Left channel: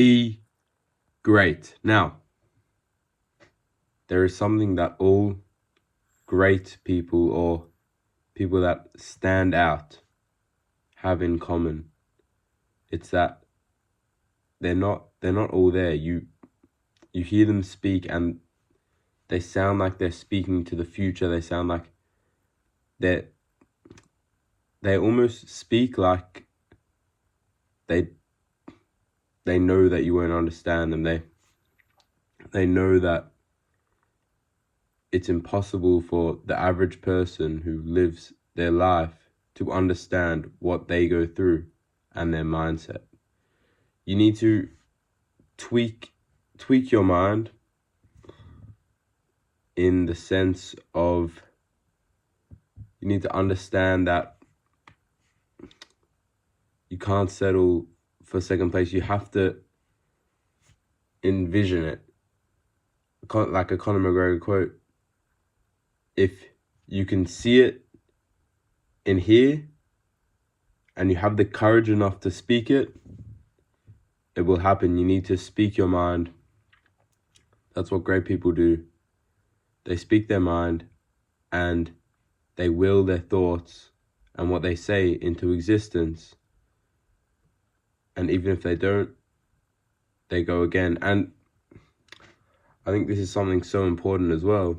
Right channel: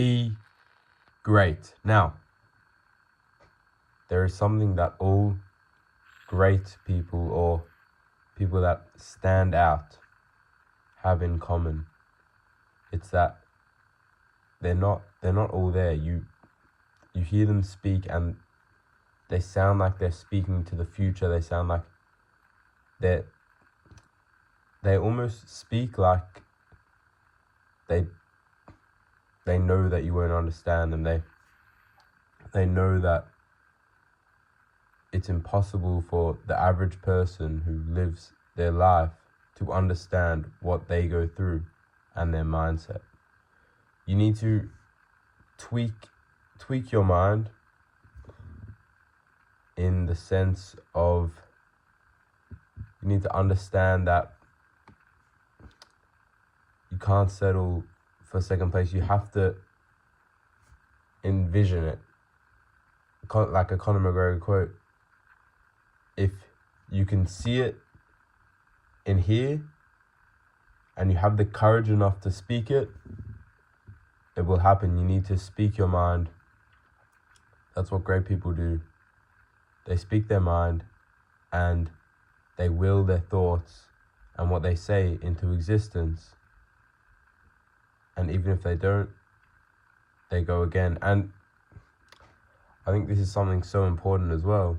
Be great. Now, there is something that all great people or people that stand out have in common. It's that they're not all there. You hear them speak and they sound like they're speaking to the future. They sound like they almost speak like they know that you won't understand them. They know that it's impossible for the average person who lives their life to understand what they go through and their mindset. You need to tweak your mind in the sense of you need to understand that you can't settle for second place. You have to envision it. Like a Conor McGregor quote, if you can see it in here and you have the courage enough to speak it, it will happen. You need to speak your mind. That's what great people do. They speak their mind and they will their thoughts and what they say into existence. And even if they don't, they go again. And I think this is something so important as well,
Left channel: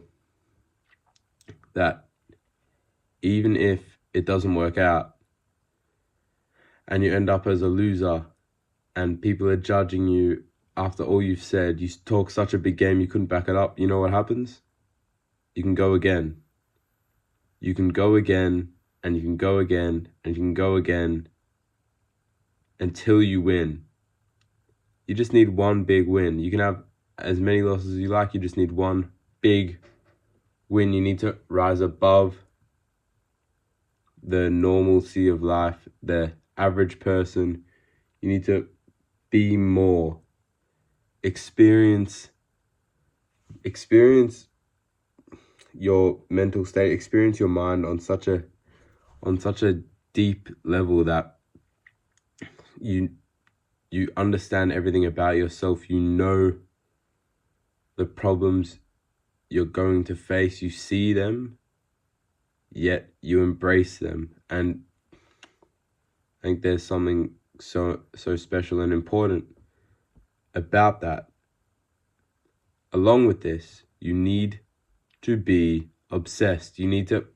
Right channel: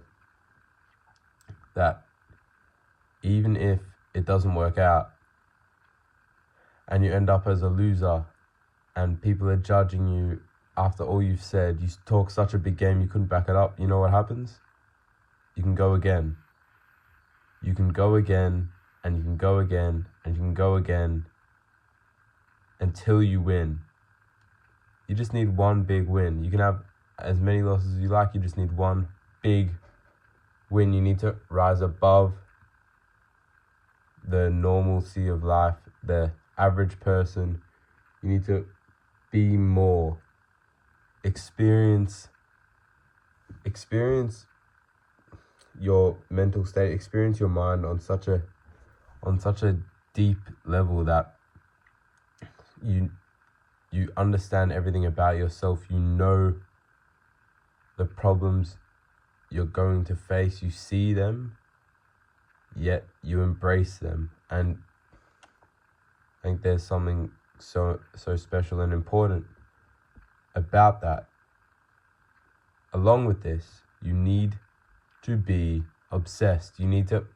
that even if it doesn't work out and you end up as a loser and people are judging you after all you've said, you talk such a big game you couldn't back it up, you know what happens? You can go again. You can go again, and you can go again, and you can go again until you win. You just need one big win. You can have as many losses as you like, you just need one big win. You need to rise above the normalcy of life, the average person. You need to be more. Experience your mental state, experience your mind on such a deep level that you understand everything about yourself. You know the problems you're going to face. You see them, yet you embrace them. And I think there's something so special and important about that. Along with this, you need to be obsessed. You need to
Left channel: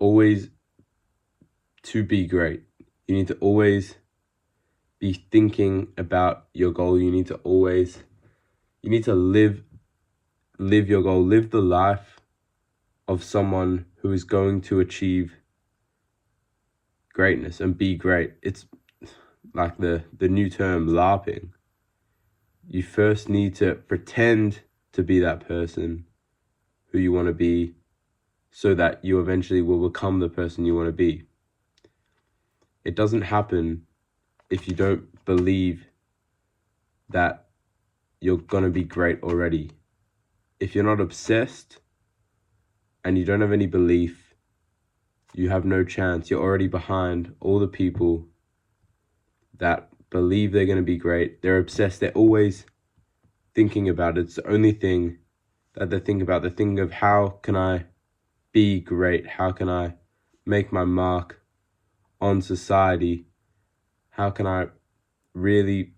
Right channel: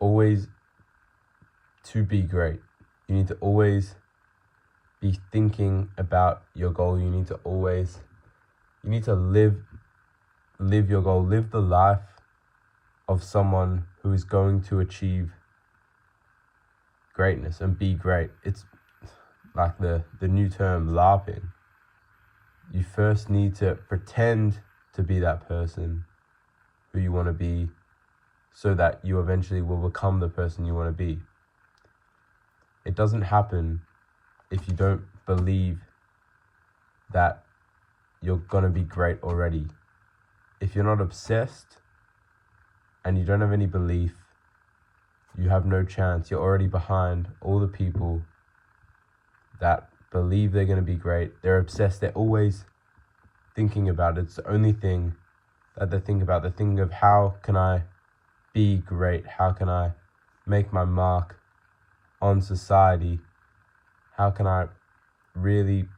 always to be great. You need to always be thinking about your goal. You need to live your goal, live the life of someone who is going to achieve greatness and be great. It's like the new term LARPing. You first need to pretend to be that person who you want to be so that you eventually will become the person you want to be. It doesn't happen if you don't believe that you're going to be great already. If you're not obsessed and you don't have any belief, you have no chance. You're already behind all the people that believe they're going to be great. They're obsessed. They're always thinking about it. It's the only thing that they think about. They think of, how can I be great? How can I make my mark on society? How can I really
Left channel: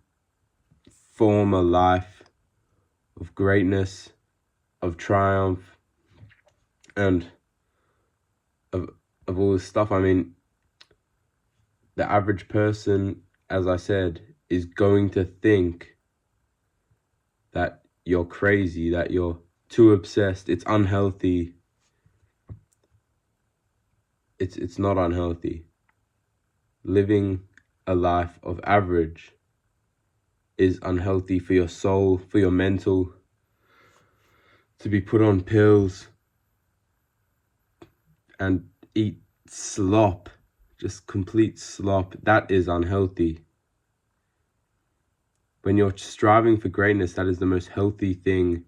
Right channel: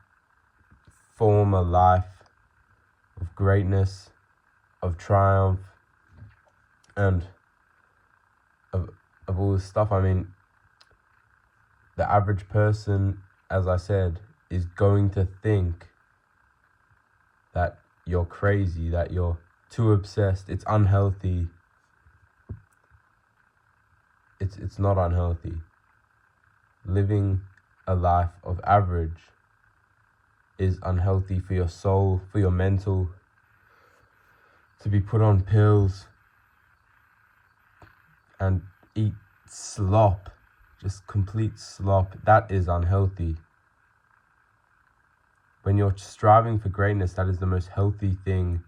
form a life of greatness, of triumph, and of all this stuff? I mean, the average person, as I said, is going to think that you're crazy, that you're too obsessed. It's unhealthy. It's not unhealthy. Living a life of average is unhealthy for your soul, for your mental. To be put on pills and eat slop, just complete slop, that is unhealthy. When you're striving for greatness, that is the most healthy thing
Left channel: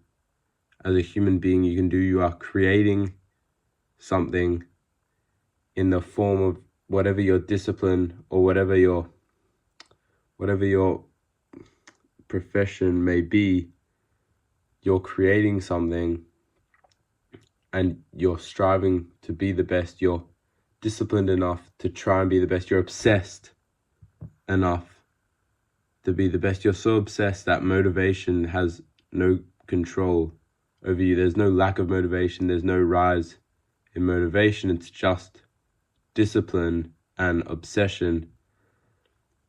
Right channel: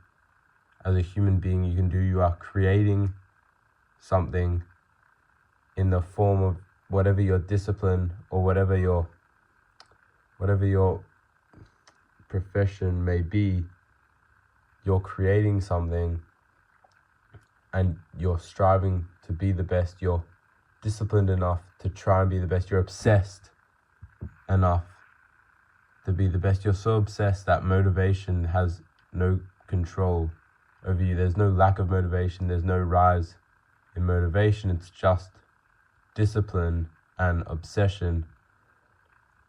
as a human being you can do. You are creating something in the form of whatever your discipline or whatever your whatever your profession may be, you're creating something and you're striving to be the best. You're disciplined enough to try and be the best. You're obsessed enough to be the best. You're so obsessed that motivation has no control over you. There's no lack of motivation. There's no rise in motivation. It's just discipline and obsession.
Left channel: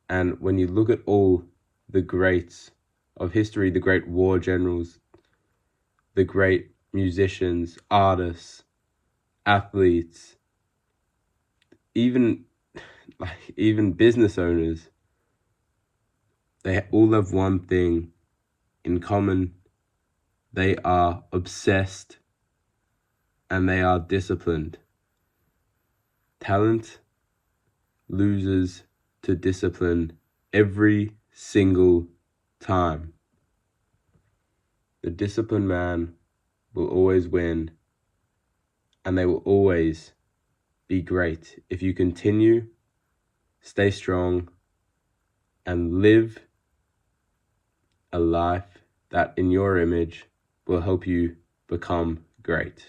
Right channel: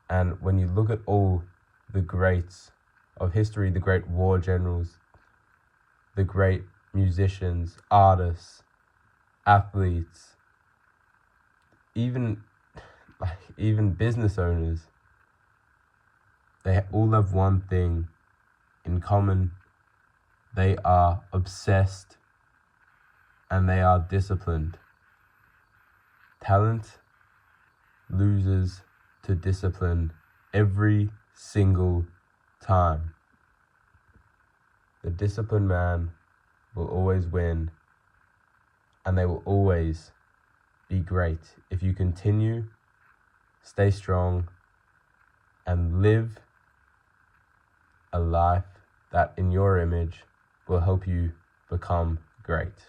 And when you look at all the greats of history, the great war generals, the great musicians, artists, athletes, even business owners, they all have one thing in common. They are obsessed and they are disciplined. Talent loses to discipline every single time. The disciplined man will always win, and they will always be great if you continue, stay strong, and live a life that in your image will help you become great.